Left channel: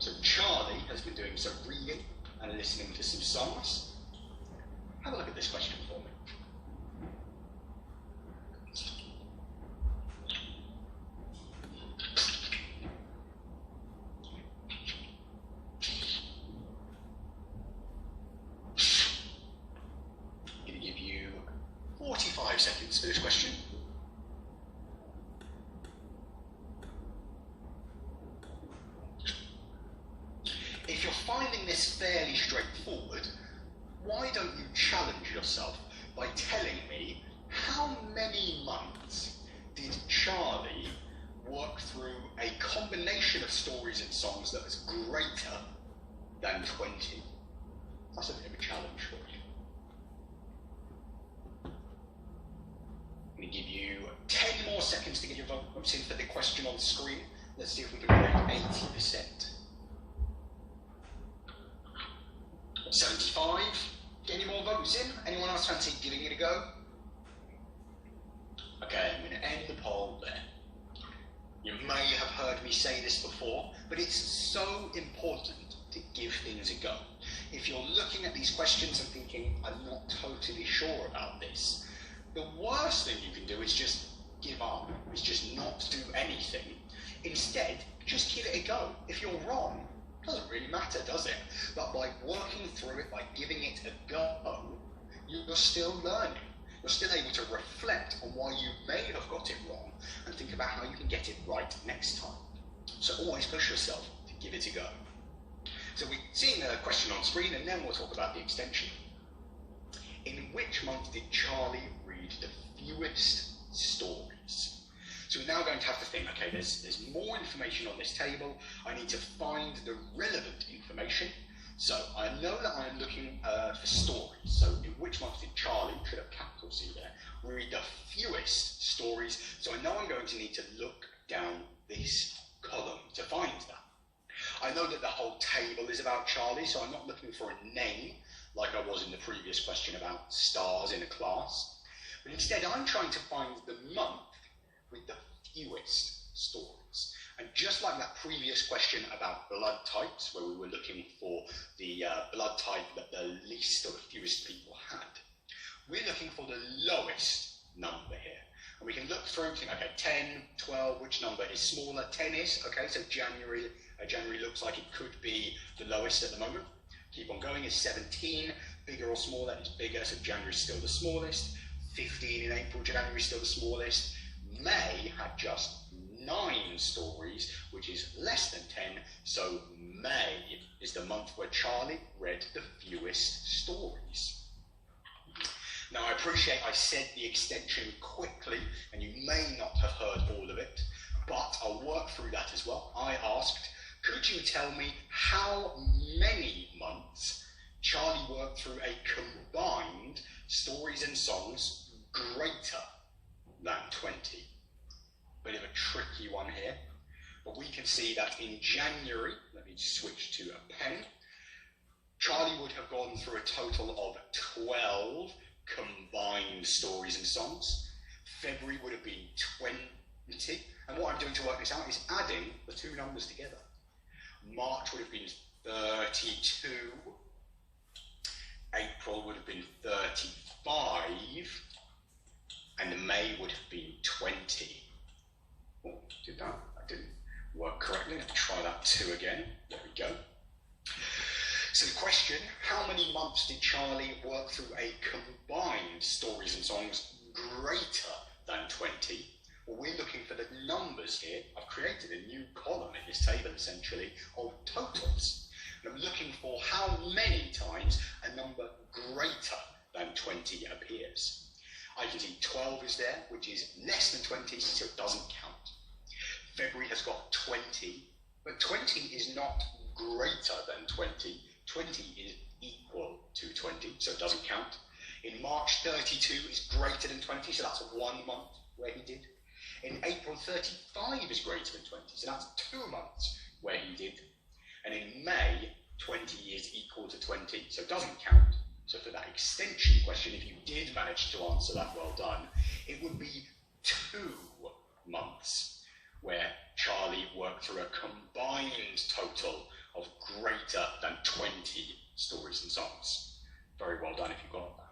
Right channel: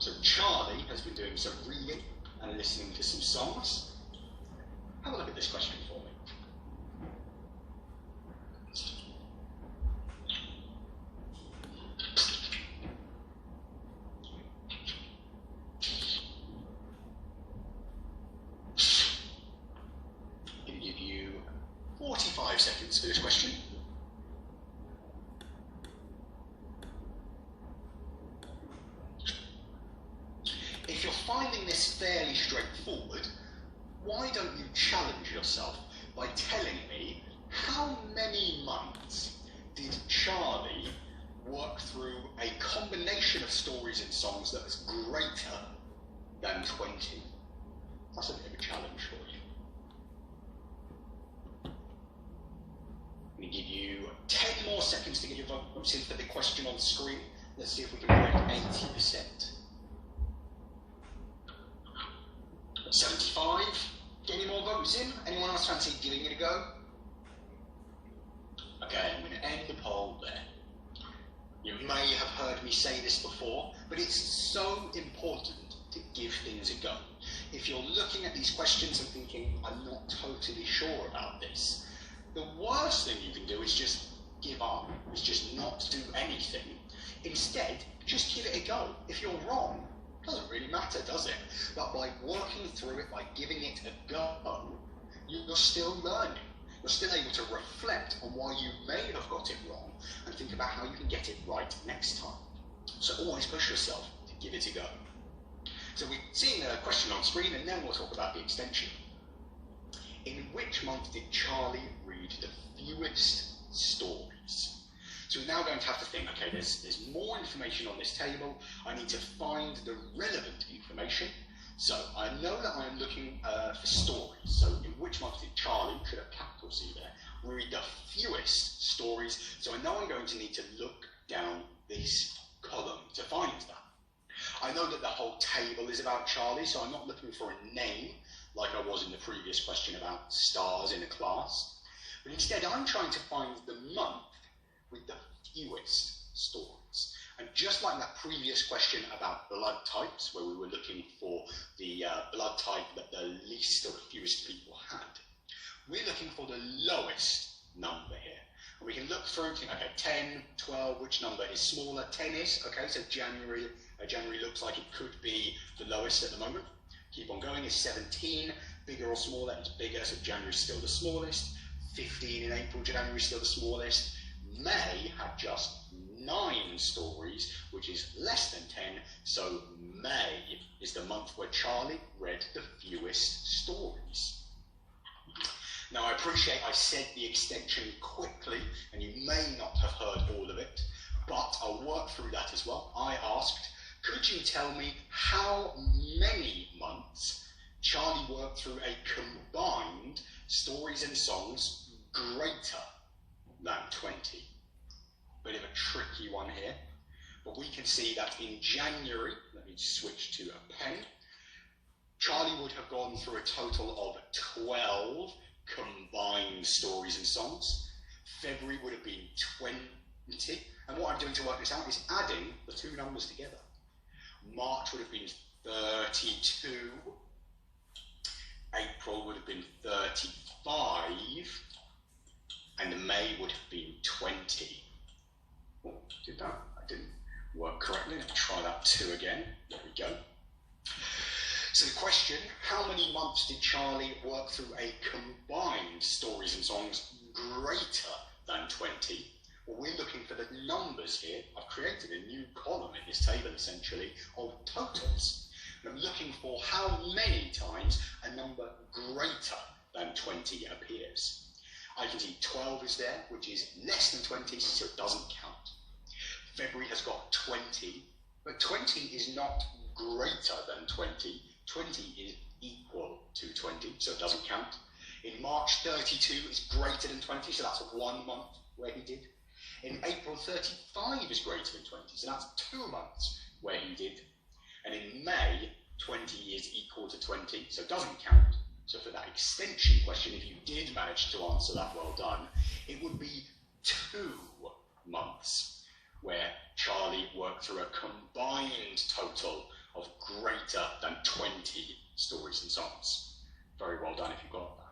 So Charlie has been doing some reading and listening to some songs. Have a look at this question for me. I'm going to give you 45 seconds for this question. If you're finding this fairly straightforward, why don't you challenge yourself by telling me how many months did Charlie work through a combination of stories and songs that was greater than 20? That's a bit of a challenge for you. I'm going to give you 10 more seconds to get your votes in for the question on the screen. Let's see if we can break 80%. 75. Get any more votes in? Anyone else fancy giving it a go? Okay, I'm going to end the poll there. You may have heard me say this before, but it's so important to give things a go. If you're looking at these questions and thinking, I'm not totally sure about this, the worst thing you can do is just give up, is just not do anything. Instead, just give it a go. If you're wrong, doesn't really matter, does it? But by working through it, by giving it a go, you're still learning. You're still able to reflect on why you may have got it wrong and think about how you can get it right next time. So always push yourself to give it a go. So we've seen the question on screen, and then we'll talk about the extension. In which month did Charlie read the fewest stories? So we're now going to have to think, okay, there's more information on this table. I need to find the relevant information. So I know that I'm looking for stories. So in which month did Charlie, should have capital C there, read the fewest stories? So I know I'm going to need to look down this column to find that. I know that the whole table is about Charlie, so I'm not looking for a name like I was in the previous question about stars in a class. But instead, I'm trying to find the month with the fewest stories. And just like that previous question about blood types, where we were looking for the blood type that the least or the fewest people had, we're looking for the lowest number here. And we can look through, think, okay, 10, 12, which number is smaller? 10 is, okay, so January looks like it could be the lowest at the moment. Keep on going, is 17, bigger or smaller? Is bigger, so January is still the smallest. 15 in April, January is still the smallest. May had just 9 stories, which is less than 10, so May is the month where Charlie read the fewest stories. Now I appreciate I said the extension quickly, and you may not have heard all of it, but I'll work through that as well. I asked, could you tell me how many months Charlie worked through a combined stories and songs greater than 20? Bit of a tricky one here, but we can see that in January, let me switch to a pen, Charlie would have gone through a total of 12 combined stories and songs. February would have been 20, and what I'm doing to work this out is adding the two numbers together. March would have been 32, April would have been 35, and May would have been 20. Oh, did that? That didn't work correctly. Let's try that 2 again. There we go. So the question, how many months did Charlie work through a combined stories and songs greater than 20? Well, we're looking for the numbers here. I've created a new column in this table, essentially, of totals. And I'm looking for how many times a number greater than 20 appears. I can see 12 is there, which is less than 20, so it doesn't count. February has got 20, but 20 is not greater than 20. 20 is equal to 20, so it doesn't count. In March, 32 is greater than 20, so that's 1 month where he did. In April, 35 is greater than 20, so that's 2 months where he did. And in May, 20 is equal to 20, so it doesn't count. So for that extension question, if you did manage to answer that, well done, it would be 2 months where Charlie worked through a combined total stories and songs. Very well done if you got that.